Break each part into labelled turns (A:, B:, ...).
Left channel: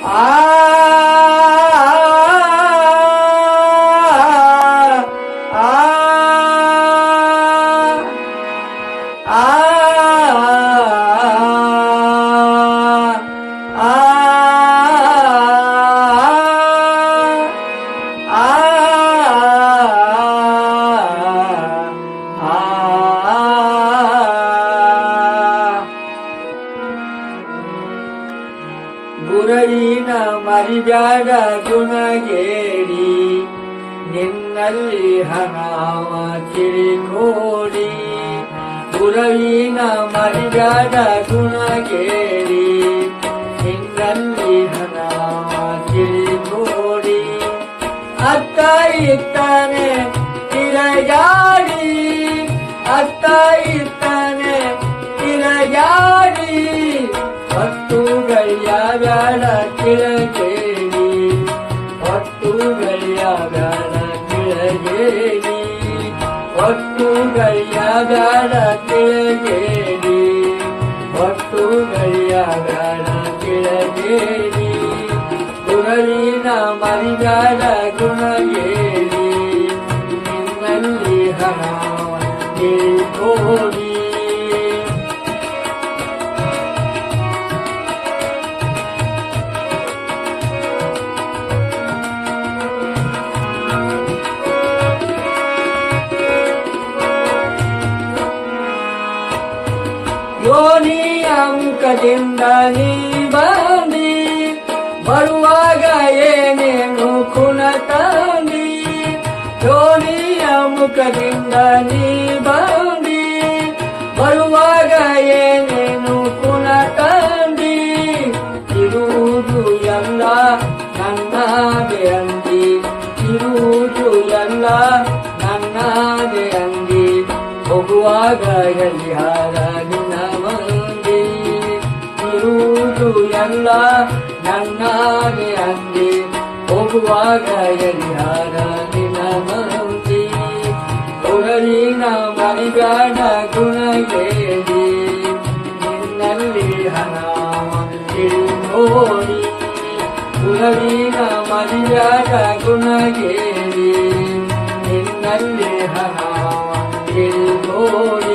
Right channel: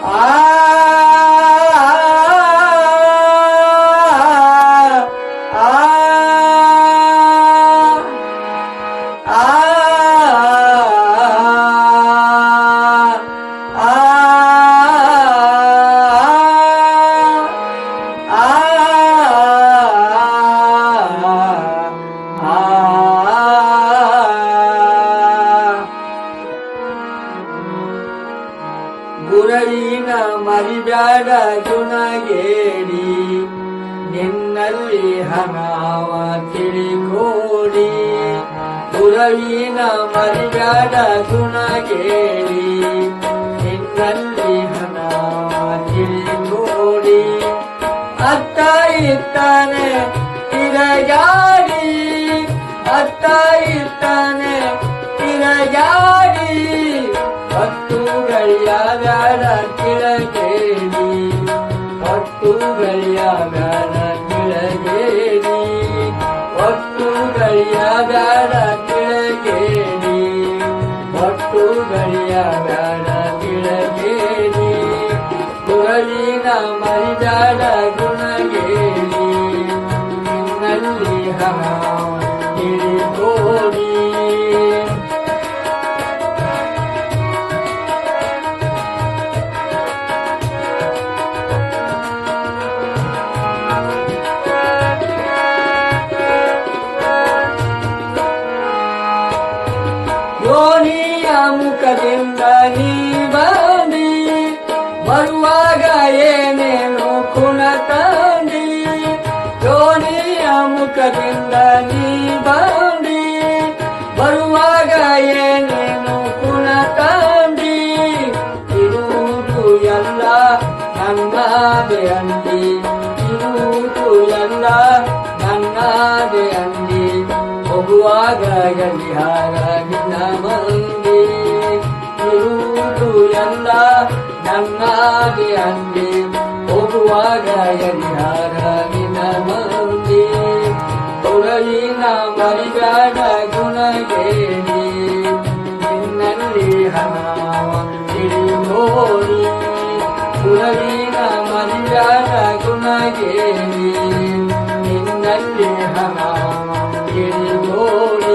A: Ah! ತಿರಗಾಡಿ ಅತ್ತ ಇರ್ತಾನೆ ತಿರಗಾಡಿ ಮುಖದಿಂದ ನೀ ಬಂದಿ ಬರುವಾಗ ಏನೇನು ಕುಣ ತಂದಿ ಜೋನಿಯ ಮುಖದಿಂದ ನೀ ಬಂದಿ ಬರುವಾಗ ಏನೇನು ಕುಣ ತಂದಿ ಇರುವುದು ಎಲ್ಲ ನನ್ನ ಅಂದಿ. ಇರುವುದು ಎಲ್ಲ ನನ್ನ ಅಂದಿ. ಹೋಗುವಾಗ ಗಲಿಹಾರ ನಿನ್ನ ಮಂದಿ ನನ್ನಾಗಿ ಅಂದಿ ಹೋಗುವಾಗ ಗಲಿಹಾರ ನಿನ್ನ ಮಂದಿ ತೊರಲಿನ ಮರಿಗಾಡ ಗುಣಗೇಡಿ. ನಿನ್ನಲ್ಲಿ ಹಣ ನೋಡಿ. ಗುರವಿನ ಮರಿಯಾದ ಗುಣಗೇರಿ ನಿನ್ನಲ್ಲಿ ಹಣ ನೋಡಿ.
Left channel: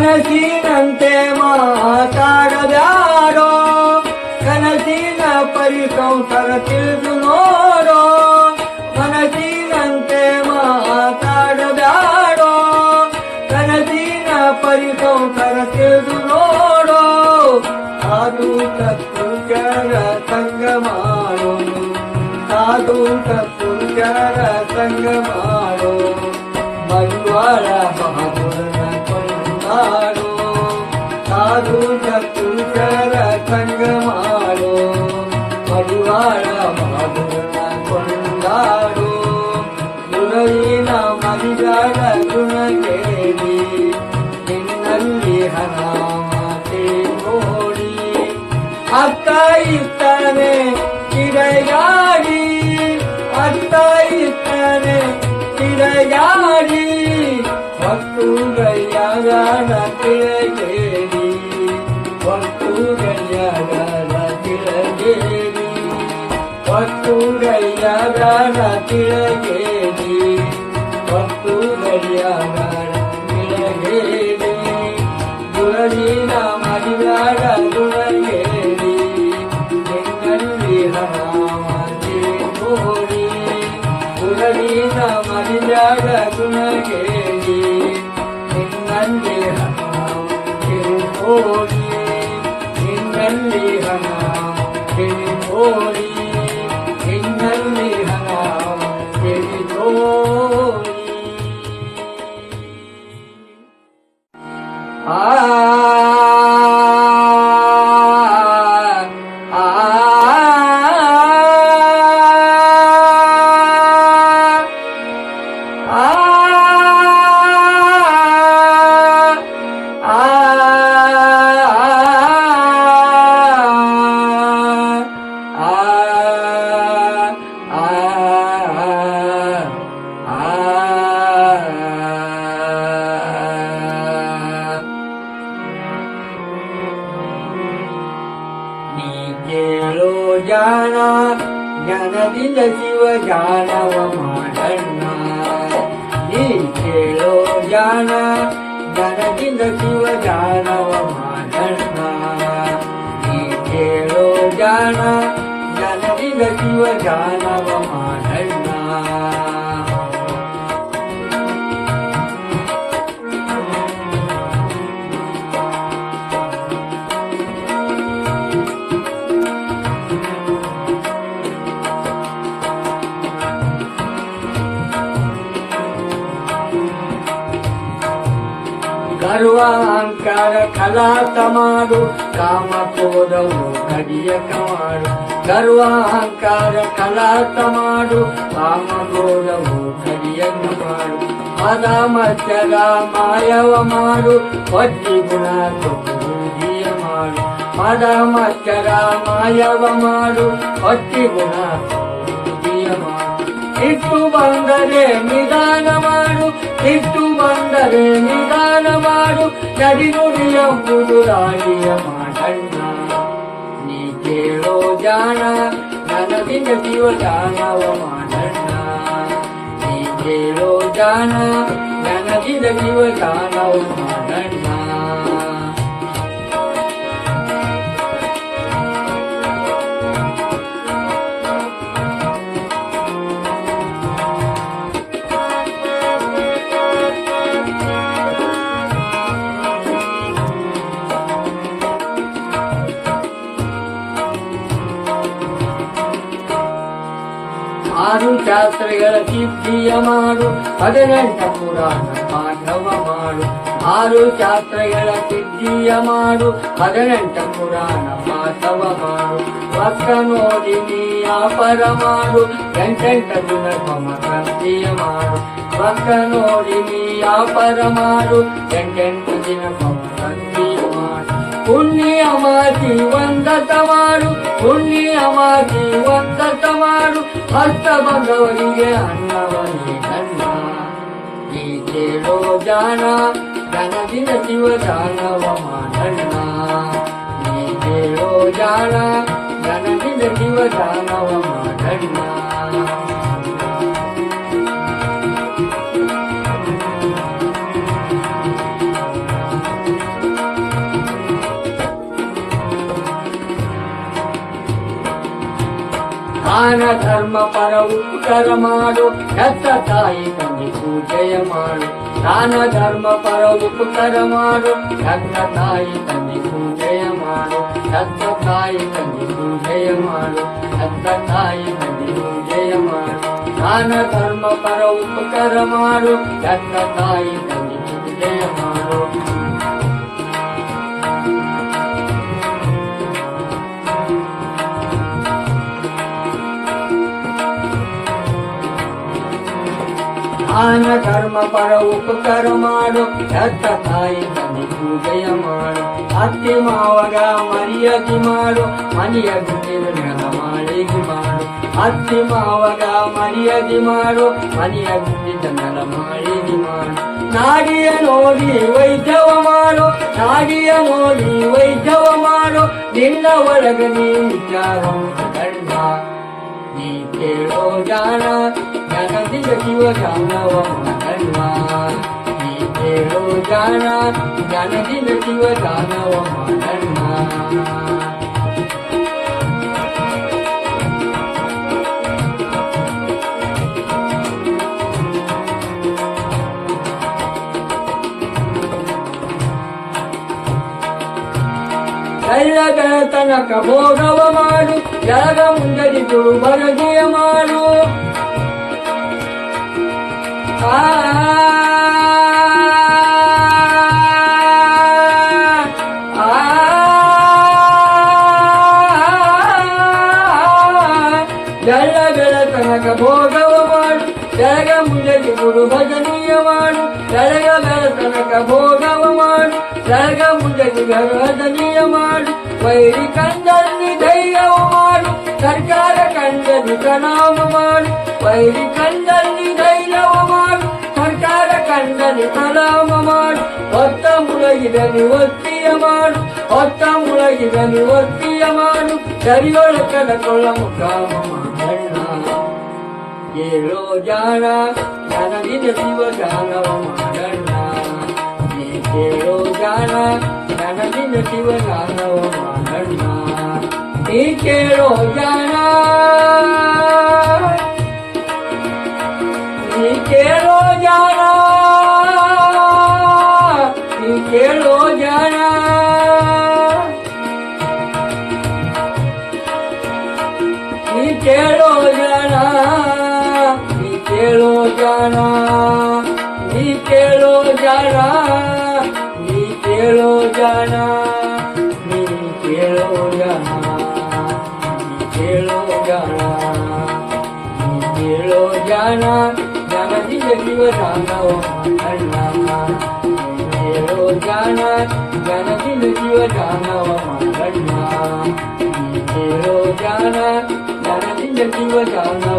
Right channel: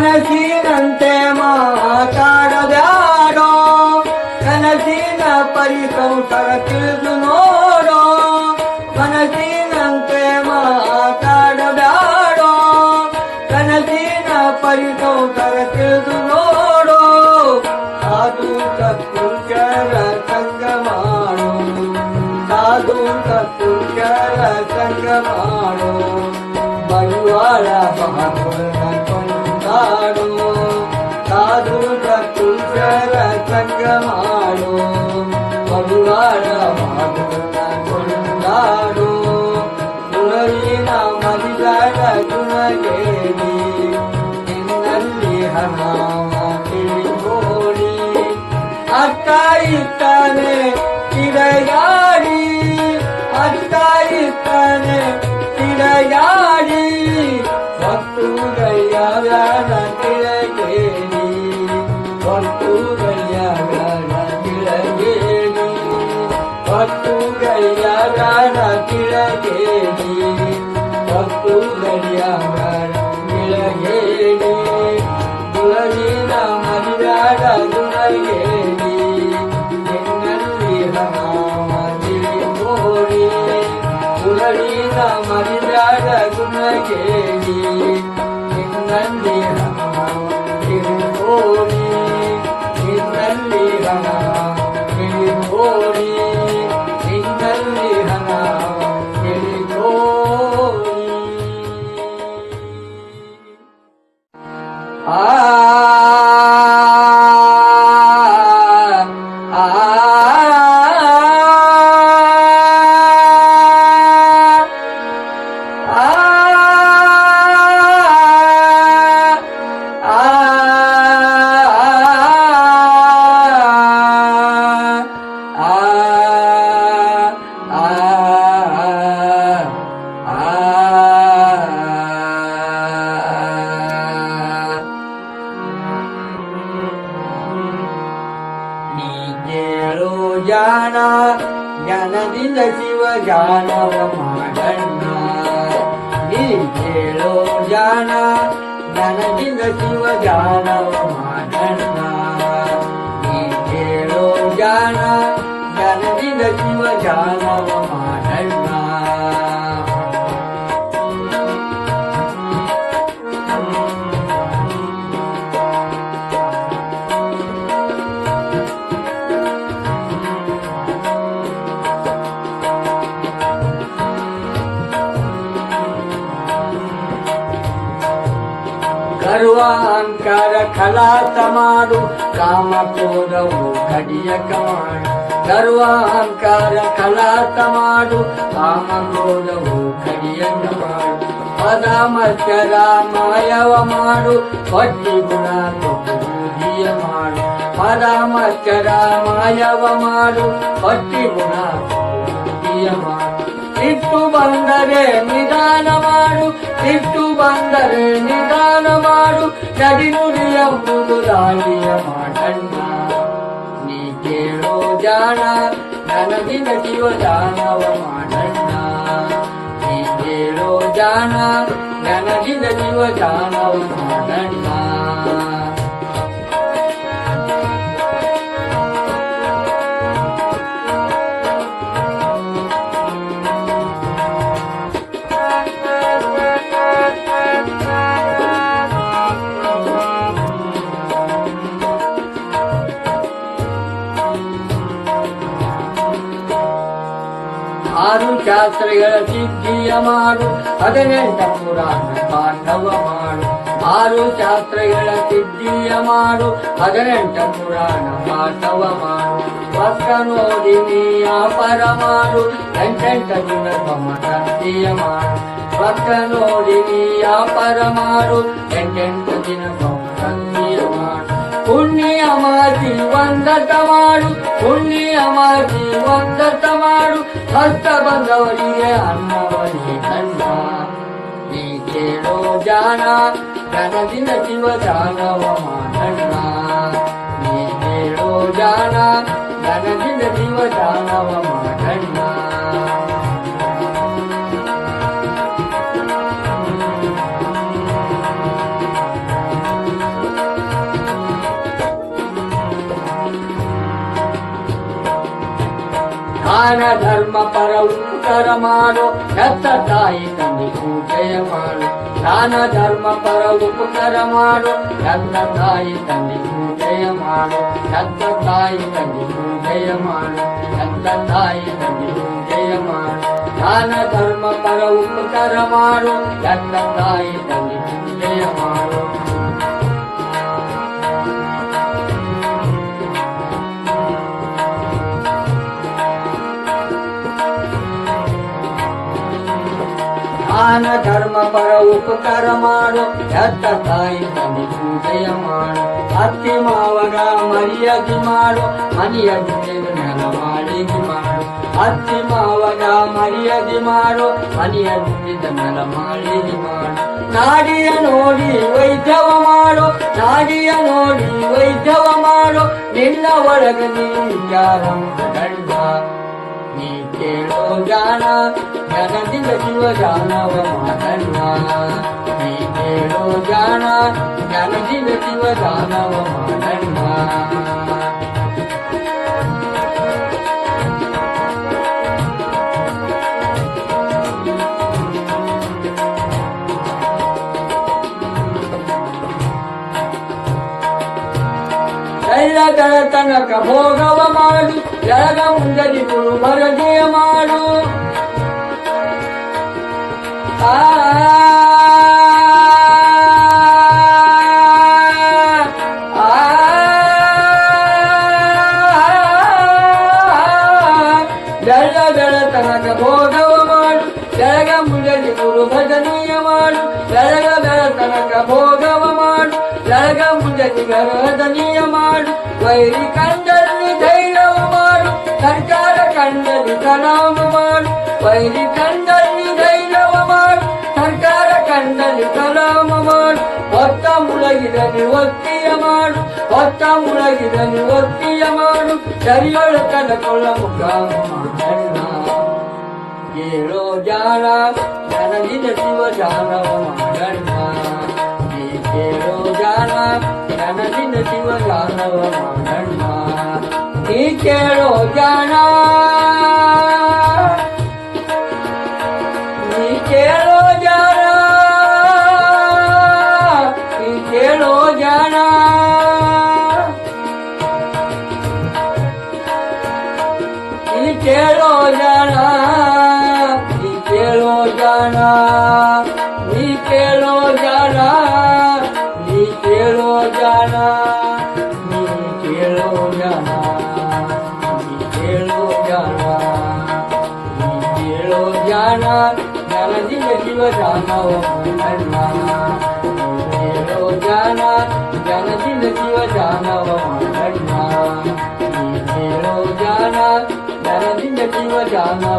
A: ಮನಸ್ಸಿನಂತೆ ಮಾತಾಡದಾರೋ ಕನಸಿನ ಪರಿಕೌತರ ತಿಳಿದು ನೋಡೋ. Ai, করি खेळो जाना ज्ञानगिंद शिव जानो मानणारा खेळो जाना ज्ञानगिंद शिव जानो मा ಗರ್ವ ಅಹಂಕಾರ ಕಲಾತ ಮಾಡು, ಕಾಮ ಕ್ರೋಧವು ಕಡಿಯಕ ಮಾಡು. ಸರ್ವಾಂಕಾರ ಖಲಾಸ ಮಾಡು, ಕಾಮ ಕ್ರೋಧವು ಕಡಿಯಕ ಮಾಡು. ಪದ ಮಚ್ಚರ ಮಾಯವ ಮಾಡು ಹೊಟ್ಟಿ ಗುಣ ಬೂದಿಯ ಮಾಡು. ಪದ ಮಾಯವ ಮಾಡು ಹೊಟ್ಟಿ ಗುಣ ಮಾಡು. ಇಟ್ಟು ಬಂದರೆ ನಿಧಾನ ಮಾಡು ಇಟ್ಟು ಬಂದರೆ ನಿಧಾನ ಮಾಡು. ನಡಿ ನುಡಿಯಂಬುದು ದಾಳಿಯ ಮಾಡಣ್ಣ ನೀ ಕೇಳೋ ಜಾಣ, ನನಗೆ ನಟಿಯೋ ಜಾಣವ ಮಾಡಣ್ಣ ನೀ ಕೇಳೋ ಜಾಣ, ನನಗೆ ನಟಿಯೋ ಜಾಣವ ಮಾಡಣ್ಣ ಆರು ಶಾಸ್ತ್ರಗಳ ಸಿದ್ಧಿಯ ಮಾಡು, ಹದಿನೆಂಟ ಪುರಾಣ ಪಾಠವ ಮಾಡು. ಆರು ಶಾಸ್ತ್ರಗಳ ಸಿದ್ಧಿಯ ಮಾಡು, ಹದಿನೆಂಟ ಪುರಾಣ ಪಾಠವ ಮಾಡು. ಪಕ್ಕ ನೋಡಿ ನೀ ಅಪರ ಮಾಡು, ಎಂಟೆಂಟ ದಿನ ಕಂತಿಯ ಮಾಡು. ಪಕ್ಕ ನೋಡಿ ನೀ ಅಪರ ಮಾಡು, ಎಂಟೆಂಟು ದಿನ ಸಂತಿಯ ಮಾಡು ಪುಣ್ಯ ಮಾತಿ ಒಂದತ ಮಾಡು ಪುಣ್ಯ ಮಾತಿ ಒಂದತ ಮಾಡು. ಹಸ್ತ ಬಂದವರಿಗೆ ಅನ್ನವನೇ ಕಣ್ಣ ಈ ಕೇಳೋ ಜಾನ ನನಗಿನ ಶಿವ ಜಾನವ ಮಾಡಣ್ಣ ನೀ ಕೇಳೋ ಜಾನ ನನಗಿನ ಶಿವ ಜಾನವ ಮಾಡಣ್ಣ ದಾನ ಧರ್ಮ ಪರ ಉಪಕಾರ ಮಾಡು ಹೆತ್ತ ತಾಯಿ ತಂದೆ ಪೂಜೆಯ ಮಾಡು ದಾನ ಧರ್ಮ ಪರ ಉಪಕಾರ ಮಾಡು ಹೆತ್ತ ತಾಯಿ ತಂದೆ ಪೂಜೆಯ ಮಾಡು ಹೆತ್ತ ತಾಯಿ ತಂದೆ ಪೂಜೆಯ ಮಾಡು ಹೆತ್ತ ತಾಯಿ ತಂದೆ ಪೂಜೆಯ ಮಾಡು ದಾನ ಧರ್ಮ ಪರ ಉಪಕಾರ ಮಾಡು ಹೆತ್ತ ತಾಯಿ ತಂದೆ ದಾನ ಧರ್ಮ, ಪರ ಉಪಕಾರ ಮಾಡು. ಹೆತ್ತ ತಾಯಿ ತಂದೆ ಪೂಜೆಯ ಮಾಡು. ಅತ್ತಿ ಮಾವಗ ಮರಿಯಾಗಿ ಮಾಡು. ಮನಿಯ ಗುಂಡಿನ ನೆಲ ಮಾಡಿಗಿ ಮಾಡು. ಅತ್ತಿ ಮಾವಗ ಮರಿಯಾಗಿ ಮಾಡು. ಮನೆಯ ಗುಡಿದ ನೆಲ ಮಾಡಿಗಿ ಮಾಡು. ನಾಡಿಯ ನೋಡಿ ವೈದ್ಯವ ಮಾಡು. ನಾಡಿಯ ನೋಡಿ ವೈದ್ಯವ ಮಾಡು. ನಿನ್ನ ಒಳಗೆ ನೀ ವಿಚಾರ ઈ કેળો જાણા જગતિ ગતિવ જાણવ માનવા ઈ કેળો જાણા જ્ઞાનથી ગતિવ જાણવ માનવા ಕೈಲ ಗಣತನಕ ಭೋಗವ ಮಾಡಿ ಜಗಮುಂದರಿಗಳು ಬರಗೆಯ ಮಾಡು ಆ ಬೆಳ ಬೆಳ ತನಕ ಭೋಗವ ಮಾಡು ಬೆಳಗ ಮುಂದರಿ ಗುರು ಭಜನೆಯ ಮಾಡು ಬೆಳಗ ಬೆಳ ತನಕ ಭೋಗವ ಮಾಡು ಬೆಳಗ ಮುಂದರಿ ಗರದನೀಯ ಮಾಡು ವೈರಿ ಕಂಡರ ಸರ್ಕಾರ ಕಂಡಲ್ಲಿ ಕಲಾಮ ಮಾಡು ವೈರಿ ಕಂಡಲ್ಲಿ ಧೈರ್ಯವು ಮಾಡು ಸರ್ಕಾರ ಕಂಡಲ್ಲಿ ಕಲಾಮ ಮಾಡು ಹೊತ್ತ ಮುಳಗಿದಲ್ಲಿ ಒತ್ತಿಯ ಮಾಡು ಹೊತ್ತ ಮುಳಗಿದಲ್ಲಿ ಒತ್ತಿಯ ಮಾಡು ಸರಿಯೊಳು ಕನಕೊಳ್ಳ ಮುಖಾಮ ಮಾಡಣ್ಣ ಏಳೋ ಜಾಣ ನನಗಿದ ಶಿವ ಜಾನವ ಮಾಡಣ್ಣ ನೀ ಕೇಳೋ ಜಾಣ ನನಗಿದ ಶಿವ ಜಾನವ ಮಾಡಣ್ಣ ನೀ ಕೇಳೋ ಜಾಣ जनदिन शिव जानव मांगण्या जनदिन शिव जानव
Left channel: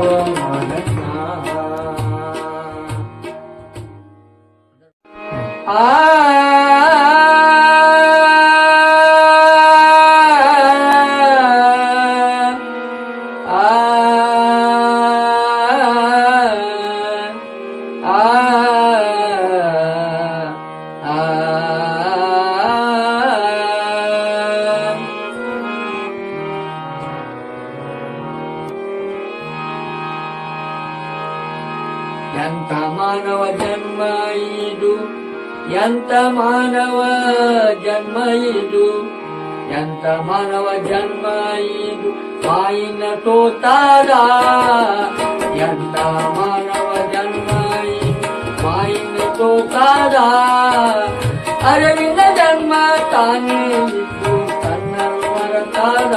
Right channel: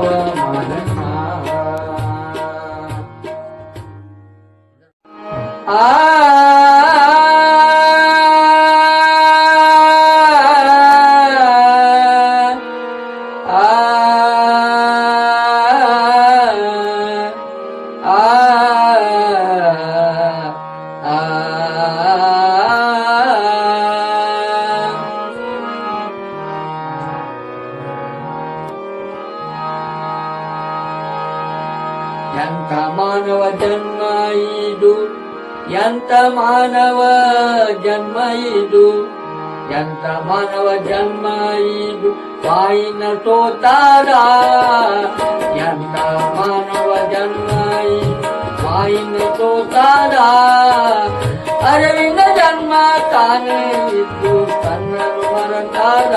A: ತಾನೇ ಇದ್ದು ತನ್ನನ್ನು ಮರತಾರ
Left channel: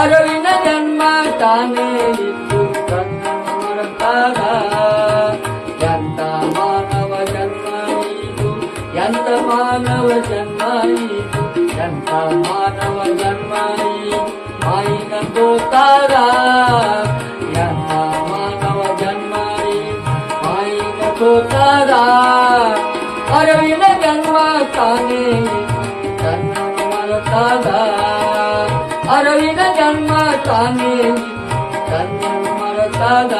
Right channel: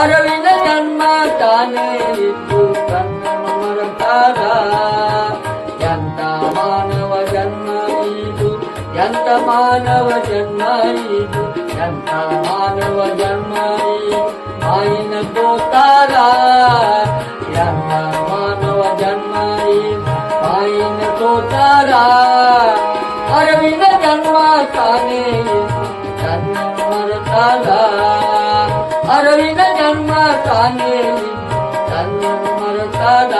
A: ಅರವಿಂದ ಜನ್ಮ ತಾನೇ ಇದ್ದು ತನ್ನನ್ನು ಮರತಾರ ಎಂತ ಮಾನವ ಜನ್ಮ ಇದು ಎಂತ ಮಾನವ ಜನ್ಮ ಇದು ಎಂತ ಮಾನವ ಜನ್ಮ ಇದು ಮಾಯಿನ ತೋತಾರ ಎಂತ ಮಾನವ ಜನ್ಮ ಇದು ಮಾಯಿನ ತೋತಾರ ಅರವಿನ ಜನ್ಮ ತಾನೇ ನನ್ನ ಮರತಾದ ಅರವಿನ ಜನ್ಮ ತಾನೇ ನನ್ನ ಮರತಾದ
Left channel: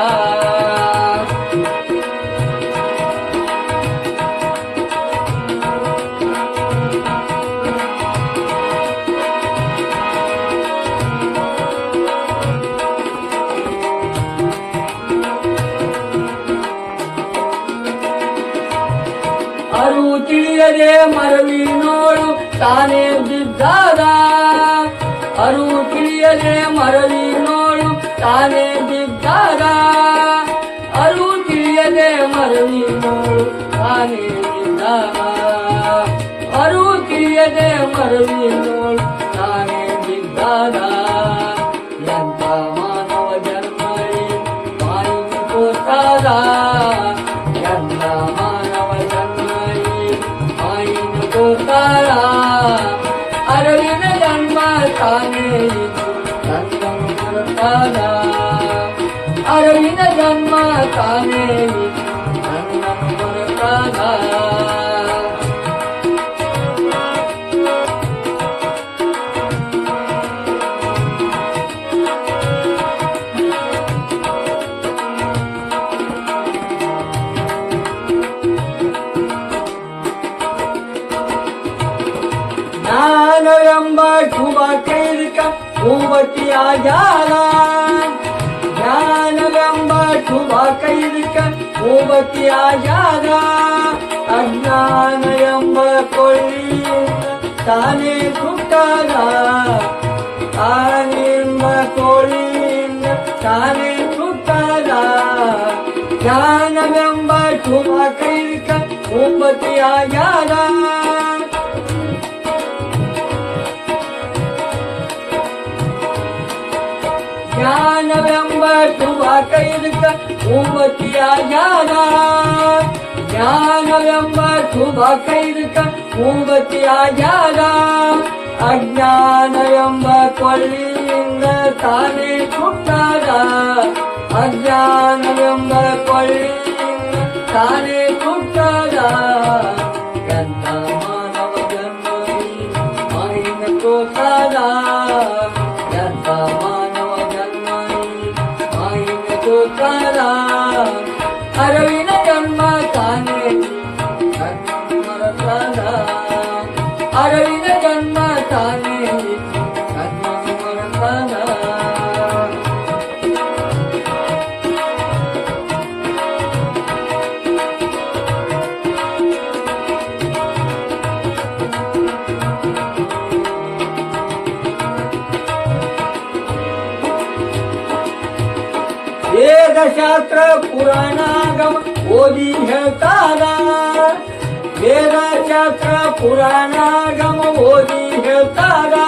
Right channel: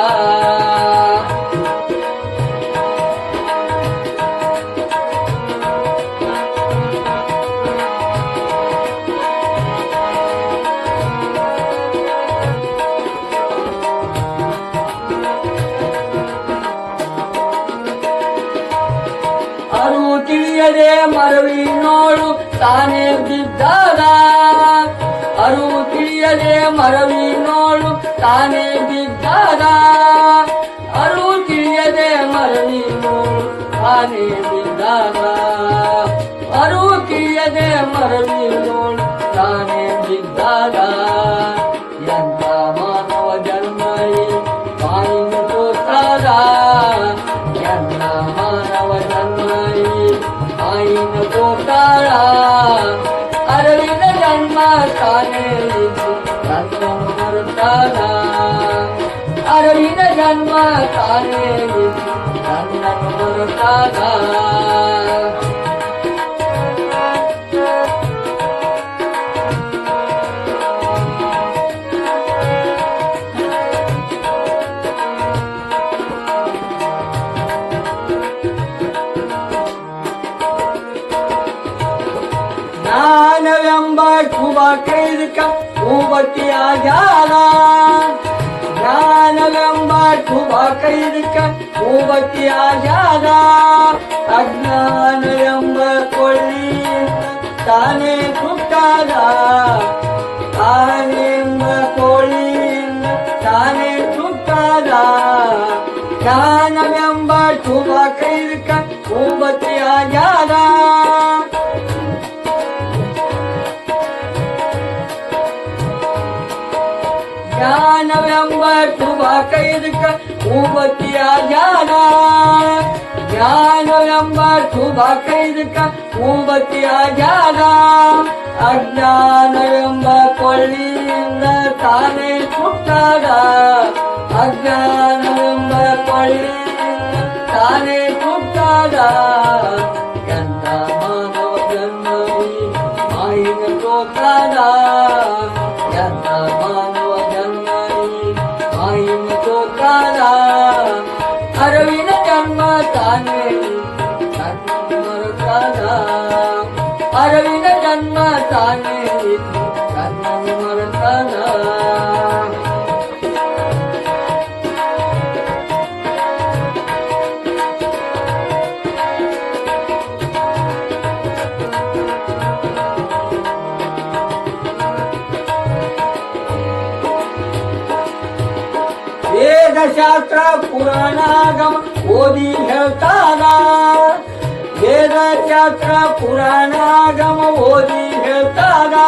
A: ತಿಳಿಯದೆ ಮರವಿ ನೋಡು, ತಾನೇ ಬಿದ್ದಾದ. ಅರು ತಿಳಿಯದೆ ಮರವಿ ನೋಡು, ತಾನೇ ಬಿದ್ದಾದ. ಅರು ತಿಳಿಯದೆ ಮರವಿ ನೋಡು, ತಾನೇ ಬಿದ್ದಾದ. ಅರು ತಿಳಿಯದೆ ಮರವಿ ನೋಡು, ತಾನೇ ಬಿದ್ದಾದ. ಅರಳಿನ ಜನ್ಮ ತಾನೇ ನನ್ನ ಬರ್ತಾನ ಶುಭ ಕೈರಿಕ ಮೂವತಿಯ ಜಾಲ ಜ್ಞಾನವೆಂಬ ಶುಭ ಕೈರಿಕ ಮೂವತಿಯ ಜಾಲ ಅಜ್ಞಾನವೆಂಬ ಕೊಳ್ಳಿ ತಾನೇ ಸುತ್ತಾದ ತಾನೆಂಬ ಕೊಳ್ಳಿಯಿಂದ ತಾನೇ ಸುತ್ತಾದ ಜ್ಞಾನವೆಂಬ ಶುಭ ಕೈರಿಕ ಮೂವತಿಯ ಜಾಲ ಜ್ಞಾನವೆಂಬ ಶುಭ ಕೈರಿಕ ಮೂವತಿಯ ಜಾಲ ಜ್ಞಾನವೆಂಬ ಶುಭ ಕೈರಿಕ ಮೂವತಿಯ ಜಾಲ ಅಜ್ಞಾನವೆಂಬ ಕೊಳ್ಳಿಯಿಂದ ತಾನೇ ಸುಟ್ಟಾದ ಅಜ್ಞಾನವೆಂಬ ಕೊಳ್ಳಿಯಿಂದ ತಾನೇ ಸುಟ್ಟಾದ वेदशास्त्र पुराणागम ओदी घेताना वेदशास्त्र पुराणागम ओदी घेताना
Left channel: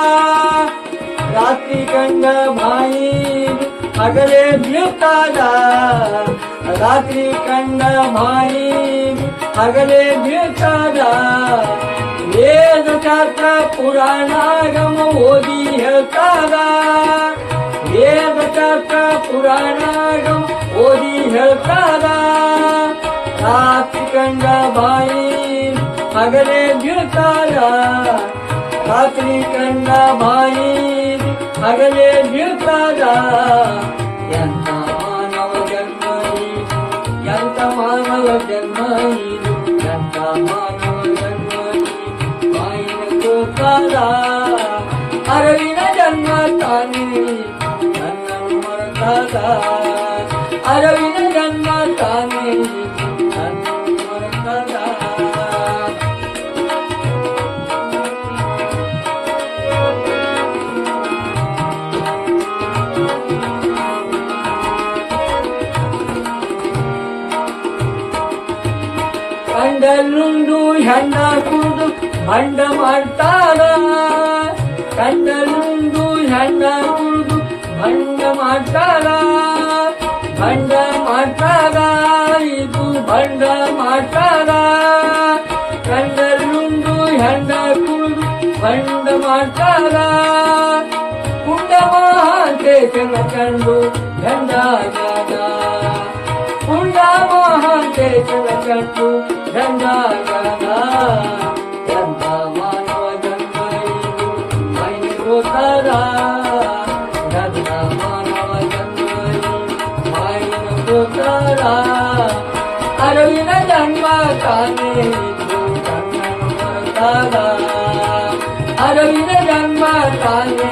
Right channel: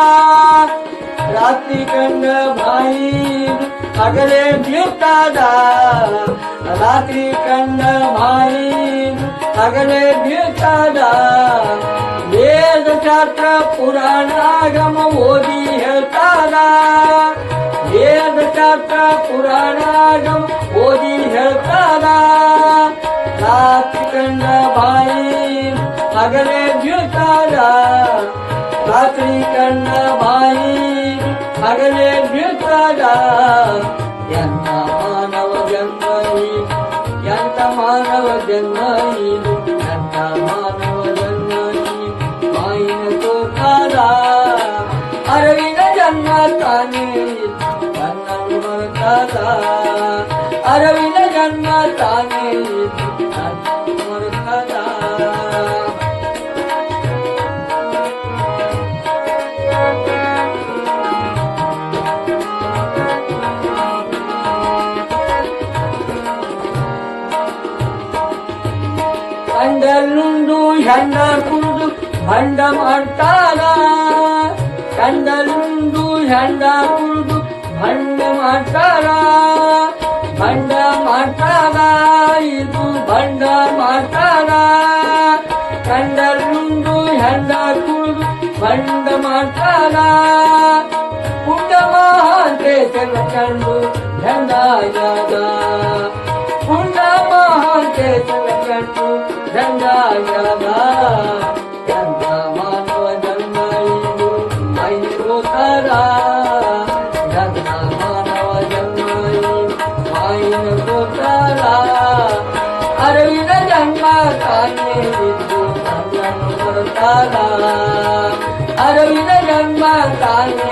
A: रात्री कंद भाई अगले दिवताना रात्री कंद भाई अगले दिवताना वेदशास्त्र पुराणागम ओदी घेताना ಹೇಳ್ತಾದ ವೇದಶಾಸ್ತ್ರ ಪುರಾಣಾಗಂ ಓದಿ ಹೇಳ್ತಾರ ರಾತ್ರಿ ಕಂಡ ಬಾಯಿ ಹಗಲೇ ಬೀಳ್ತಾರ ರಾತ್ರಿ ಕಂಡ ಬಾಯಿ ಹಗಲೇ ಬೀಳ್ತಾರ ಕುಡಿದು ಭಂಡ ಮಾಡ್ತಾರ ಕಂಡಲ್ಲುಂಡು ಹೆಂಡ ಕುಡಿದು ಭಂಡ ಮಾಡ್ತಾರ ಭಂಡ ಮಾಡ್ತಾರ ಇದು ಭಂಡ ಮಾಡ್ತಾರ ಕಂಡಲ್ಲುಂಡು ಹೆಂಡ ಕುಡಿದು ಭಂಡ ಮಾಡ್ತಾರ ಪುಂಡ ಮಹಾಂತೇಶನ ಕಂಡು ಹೆಂಡಾಗ್ಯಾದ ಪುಂಡ ಮಹಾಂತೇಶನ ಕಂಡು ಹೆಂಡಾಗ್ಯಾದ ताने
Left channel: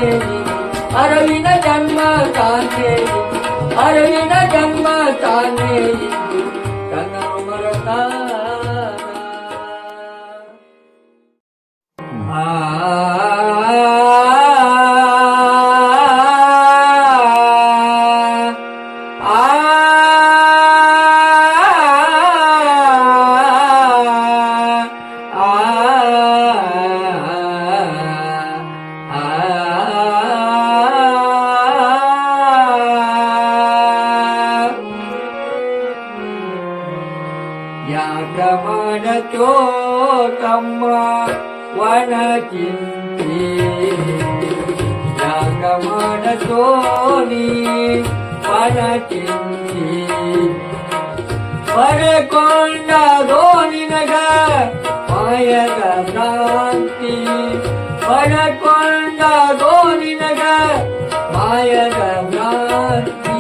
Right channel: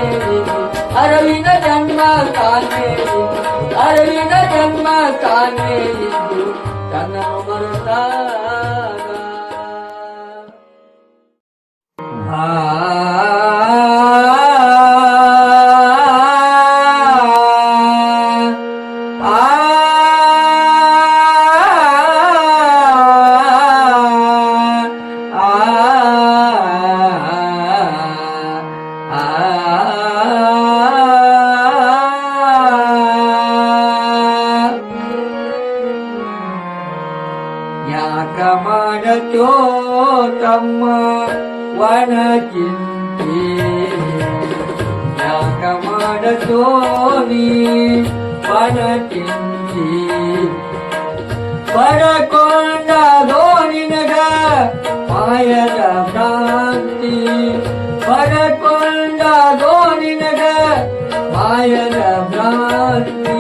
A: ಮಾಯದ ಭ್ರಾಂತಿ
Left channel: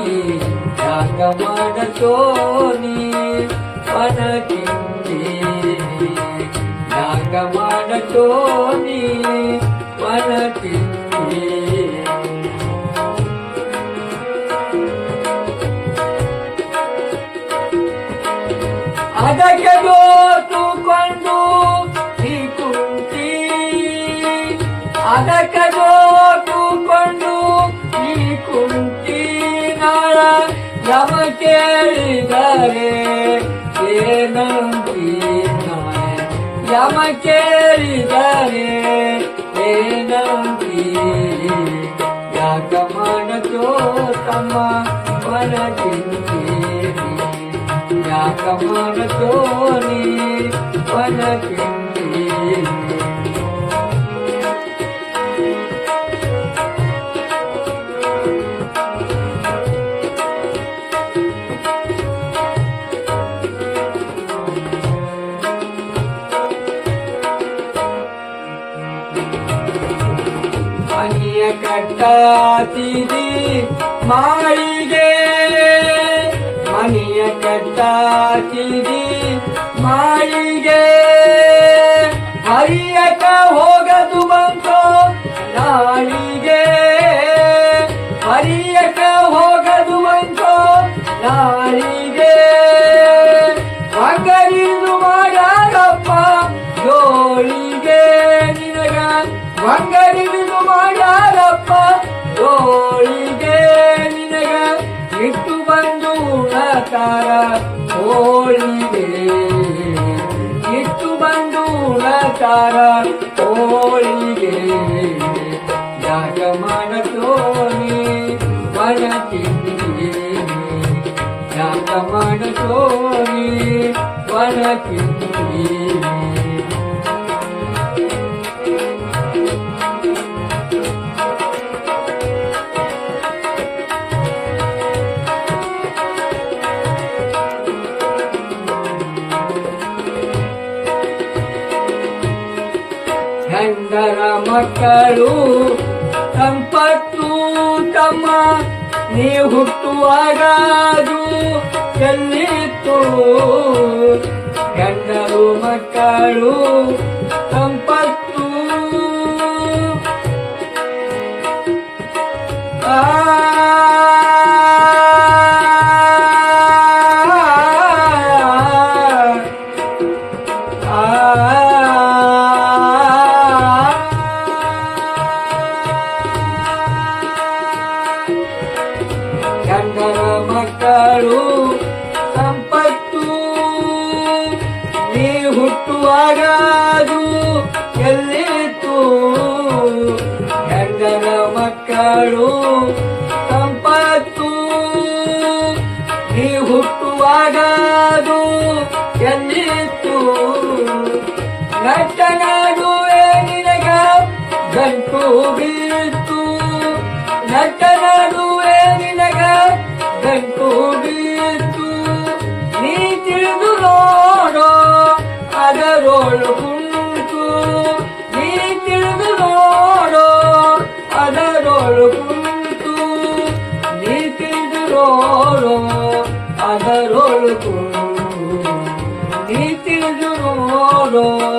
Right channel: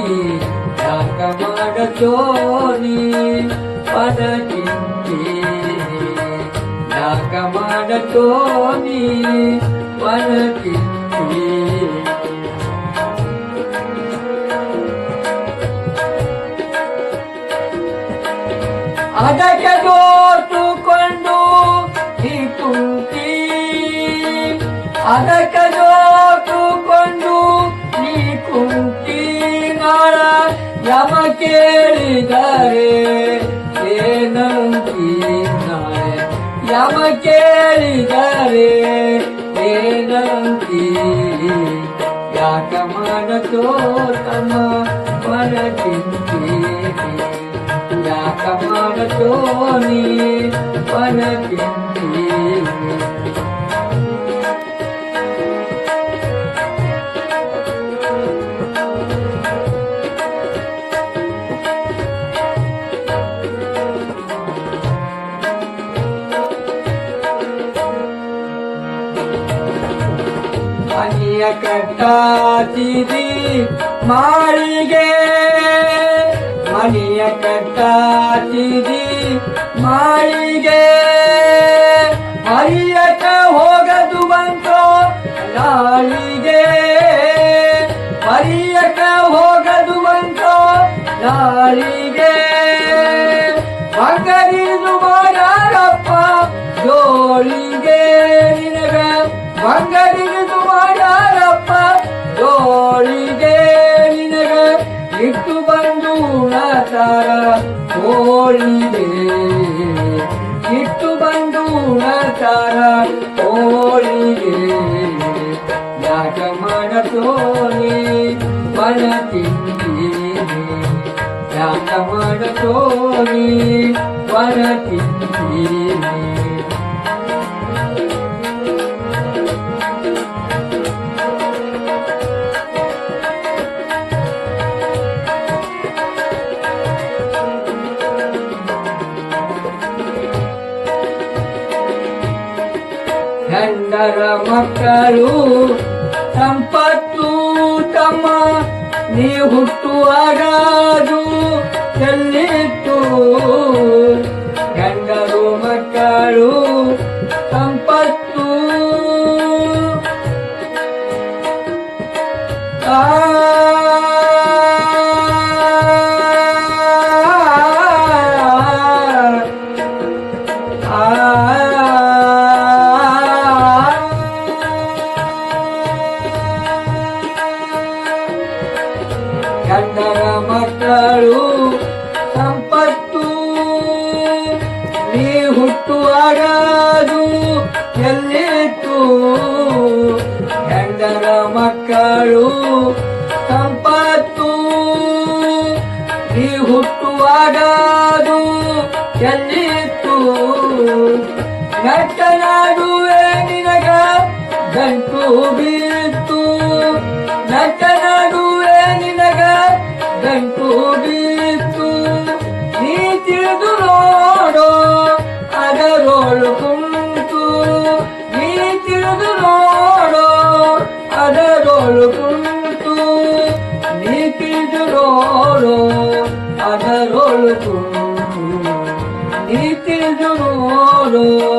A: ಯಾಕ ಮಾಡತೋ ನೀ? ವನ ಚಿಂತೆ ಯಾಕ ಮಾಡತೋ ನೀ? ಅದಕ್ಕೆ கேளுகவே ஏனும் தீர்த்தாய் யம கேளுகவே ஏனும் யாக்கமானதோ தம பலகின்றேவி யாக்கமானதோ நீ பலகின்றேவி ಕಟ್ಟಾತಿದಿ ಮಾಳಿಗೆ. ಮನೆಯ ಕಟ್ಟಾತಿದಿ ಮಾಳಿಗೆ. ಹರಿಯಕ ಹೋಗದು ಬಂತೋ ನಾಳಿಗೆ. ಹರಿಯಕ ಹೋಗದು ಬಂತೋ ನಾಳಿಗೆ. ಬಂಗರಿದು ಮಾಡಪ್ಪ ಜೋಳಿಗೆ ನಿನಗ. ಬಂಗರಿದು ಇಟ್ಟು ಬಂದು ಉಣತಾರ ಹೋಳಿಗೆ ಇಟ್ಟು ಬಂದು ಉಣತಾರ ಹೋಳಿಗೆ ಯಾಕ ಮಾಡತೋನಿ ಬಣ ತಿಂಡಿ? ಯಾಕ ಮಾಡತೋನಿ ಬಣ ತಿಂದೀನಿ ಗಂಡರ ಮಕ್ಕಳು ಸಂಪತ್ತು ತಮ್ಮ ನೀ ಹುಟ್ಟುವಾಗಾದು ಎಲ್ಲಿತ್ತು? ಗಂಡರು ಮಕ್ಕಳು ನಟ್ಟ ನಿನಗೆ ಗಂಟು ಬಿತ್ತು ನಟನಾಡುವೆ ನಿನಗೆ ಗಂಟು ಬಿತ್ತು ನೀ ತಿಳಿದು ನೋಡೋ ಅದರೋಳು ಕುಂತು. ನೀ ತಿಳಿದು ನೋಡೋ ಅದರೋಳು ಕುಂತು. ನೀ ತಿಳಿದು ನೋಡೋ ಅದರೋಳು ಕುಂತು. ನೀ ತಿಳಿದು ನೋಡೋ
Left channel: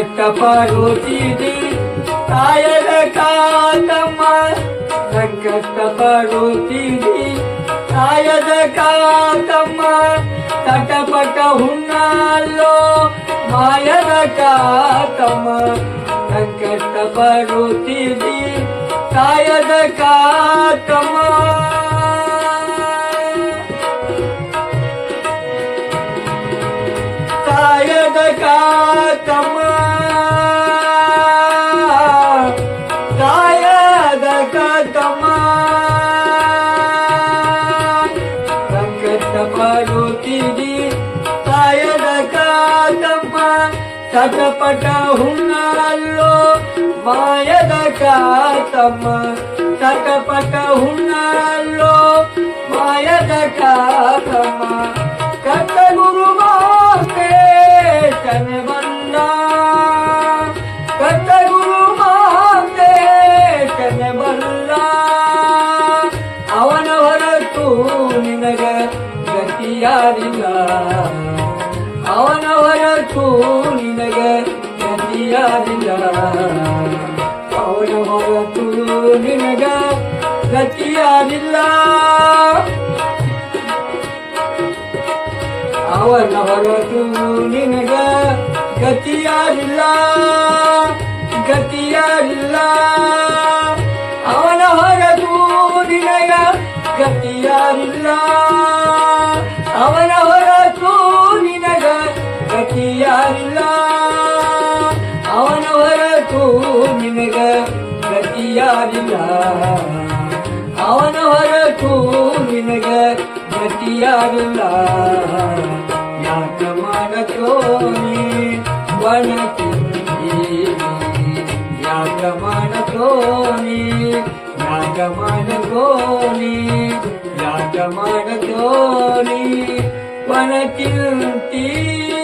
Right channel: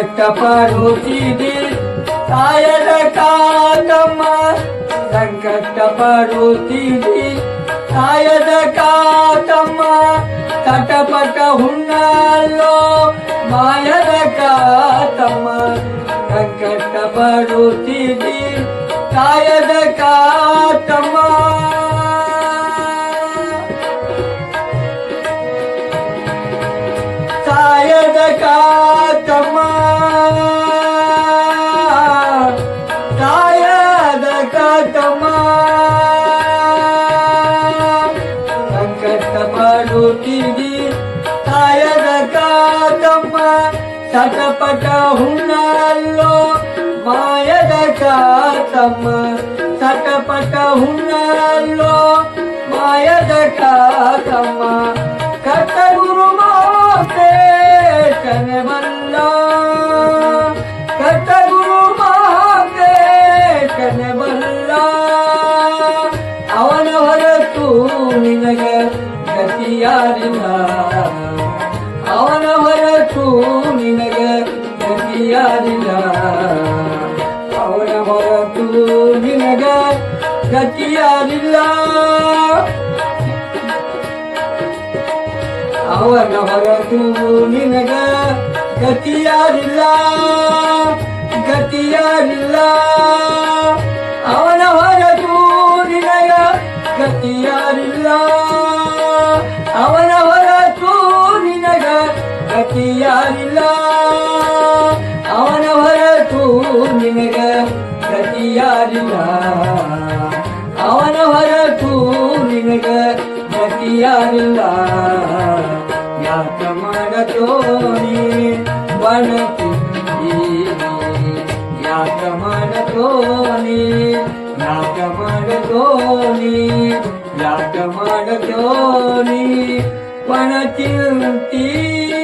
A: ತಿಂತೀನಿ ಸಂಕಷ್ಟ ಪಡುತ್ತಿದೆ ತಾಯದ ಕಾಲಮ್ಮ ಸಂಕಷ್ಟ ಪಡುತ್ತಿದೆ ತಾಯದ ಕಾತಮ್ಮ ತಟಪಟ ಹುಣ್ಣಲ್ಲೋ ಮಾಯದ ಕಾತಮ್ಮ ಸಂಕಷ್ಟ ಪಡುತ್ತಿದೆ ತಾಯದ ಕಾತಮ್ಮ ತಾಯದ ಕಾತಮ್ಮ వెంకటమా వెంకట పడుతుంది తాయద కాదమ్మ సటపట హున్నాల్లో మాయద కాతమ్మ సటపట హున్నాల్లో గురు మాపే తన ನಿನಗ ಗತಿಯಾರಿಲ್ಲ ಅವನವರಕ್ಕೂ ನಿನಗ ಗತಿಯಾರಿಲ್ಲ ಅವನವರಕ್ಕೂ ನಿನಗೆ ಗತಿಯಾರಿಲ್ಲ ಅವನ ಹೊರತು ನಿನಗ ಗತಿಯಾರಿಲ್ಲ ಗತಿಯಾರಿಲ್ಲ ಅವನ ಗತಿಯಾರಿಲ್ಲ ಅವನ ಹೊರತು ನಿನಗ ಗತಿಯಾರಿಲ್ಲ ಅವನ ಹೊರತು ನಿನಗ ಗತಿಯಾರಿಲ್ಲ ಅವನ ಹೊರತು ನಿನಗ ಗತಿಯಾರಿಲ್ಲ ಯಾಕ ಮಾಡತೋನಿ ವನಕಿಂದಿ ಯಾಕ याच म्हणतोनी याच म्हणतोनी पण चिंती